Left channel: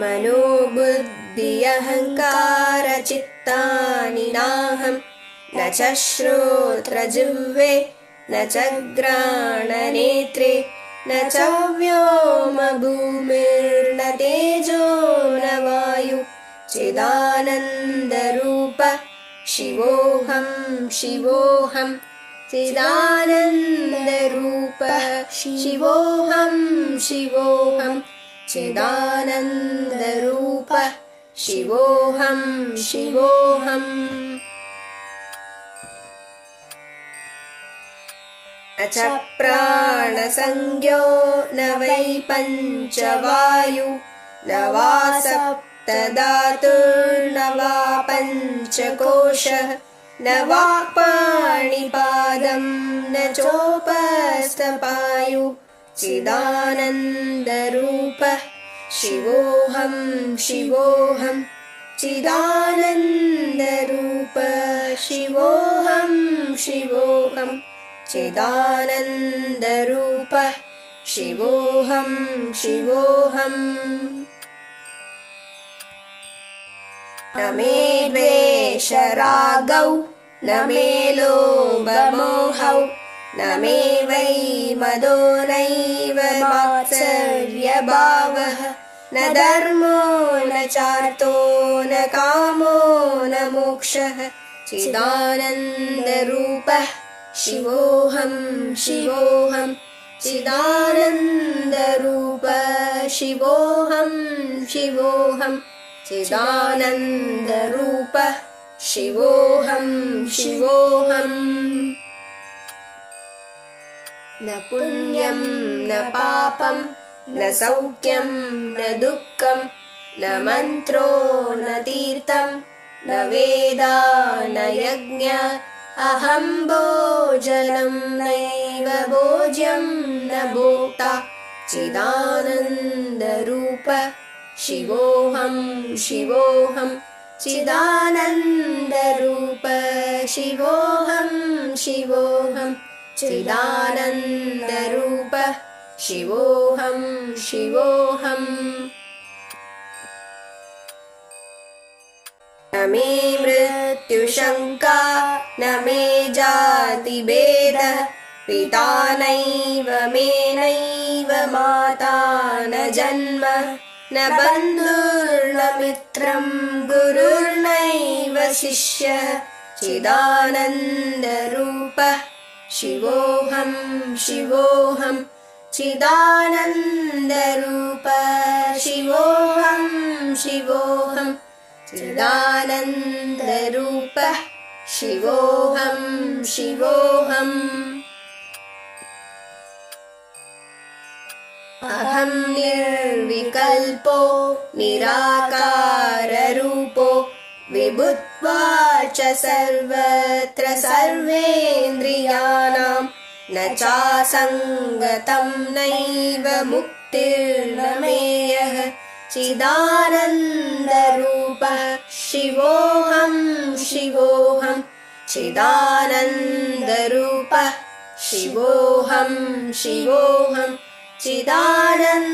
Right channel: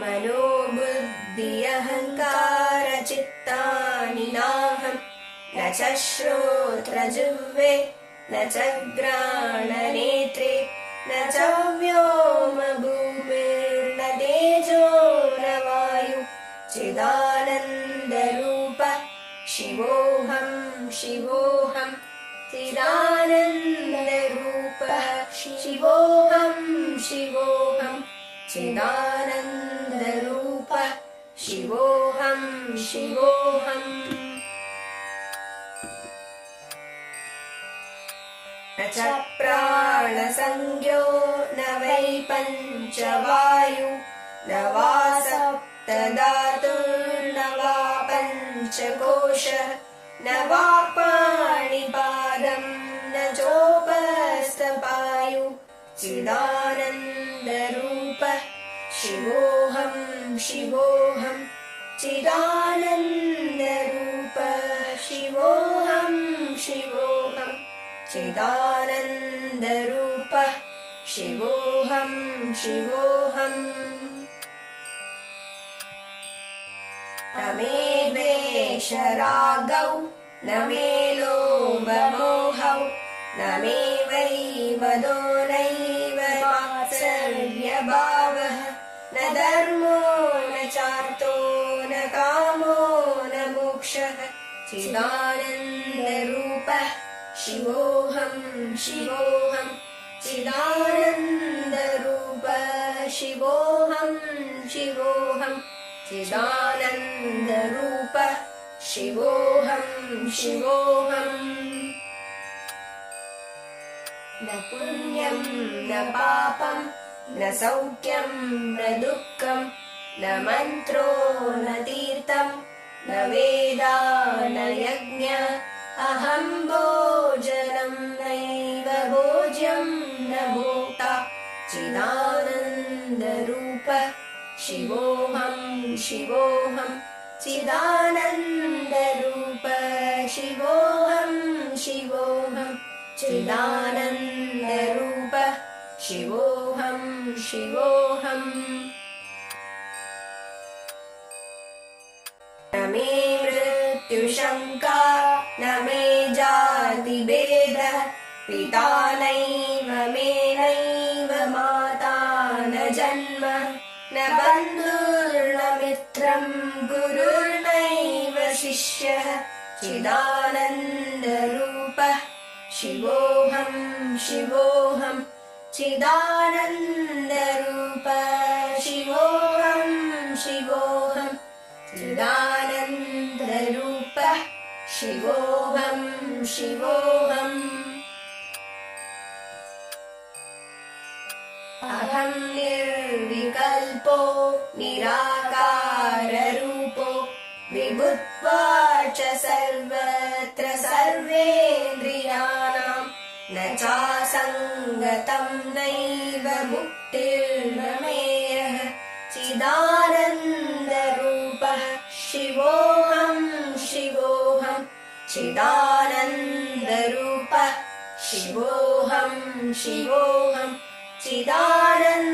मनोबुद्धि अहङ्कारचित्तानि नाहं न च श्रोत्रजिह्वे न च घ्राणनेत्रे न च व्योमभूमिर्न तेजो न वायु चिदानन्दरूप शिवोऽहं शिवोऽहं चिदानन्दरूप शिवोऽहं शिवोऽहं चिदानन्दरूप शिवोऽहं शिवोऽहम् न च प्राणसंज्ञो न वै पञ्चवायु न वा सप्तधातुर्न वा पञ्चकोशः न वा पाणिपादं न चोपस्थपायु चिदानन्दरूप शिवोऽहं शिवोऽहं चिदानन्दरूप शिवोऽहं शिवोऽहं चिदानन्दरूप शिवोऽहं शिवोऽहम् न मे द्वेषरागौ न मे लोभमोहौ न मे वै मदो नैव मात्सर्यभावः न धर्मो न चार्थो न कामो न मोक्षः चिदानन्दरूपः शिवोऽहं शिवोऽहं चिदानन्दरूप शिवोऽहं शिवोऽहं चिदानन्दरूप शिवोऽहं शिवोऽहम् न पुण्यं न पापं न सौख्यं न दुःखं न मन्त्रो न तीर्थं न वेदा न यज्ञ अहं भोजनं नैव भोज्यं न भोक्ता चिदानन्दरूप शिवोऽहं शिवोऽहं चिदानन्दरूप शिवोऽहं शिवोऽहं चिदानन्दरूप शिवोऽहं शिवोऽहम् न मे मृत्युशङ्का न मे जातिभेदः पिता नैव मे नैव माता न जन्म न बन्धुर्न मित्रं गुरुर्नैव शिष्यः चिदानन्दरूप शिवोऽहं शिवोऽहं चिदानन्दरूप शिवोऽहं शिवोऽहं चिदानन्दरूप शिवोऽहं शिवोऽहम् अहं निर्विकल्पो निराकाररूपो विभुत्वाच्च सर्वत्र सर्वेन्द्रियाणां न चासङ्गतं नैव मुक्तिर्न मेयः चिदानन्दरूपः शिवोऽहं शिवोऽहं चिदानन्दरूपः शिवोऽहं शिवोऽहं चिदानन्दरूप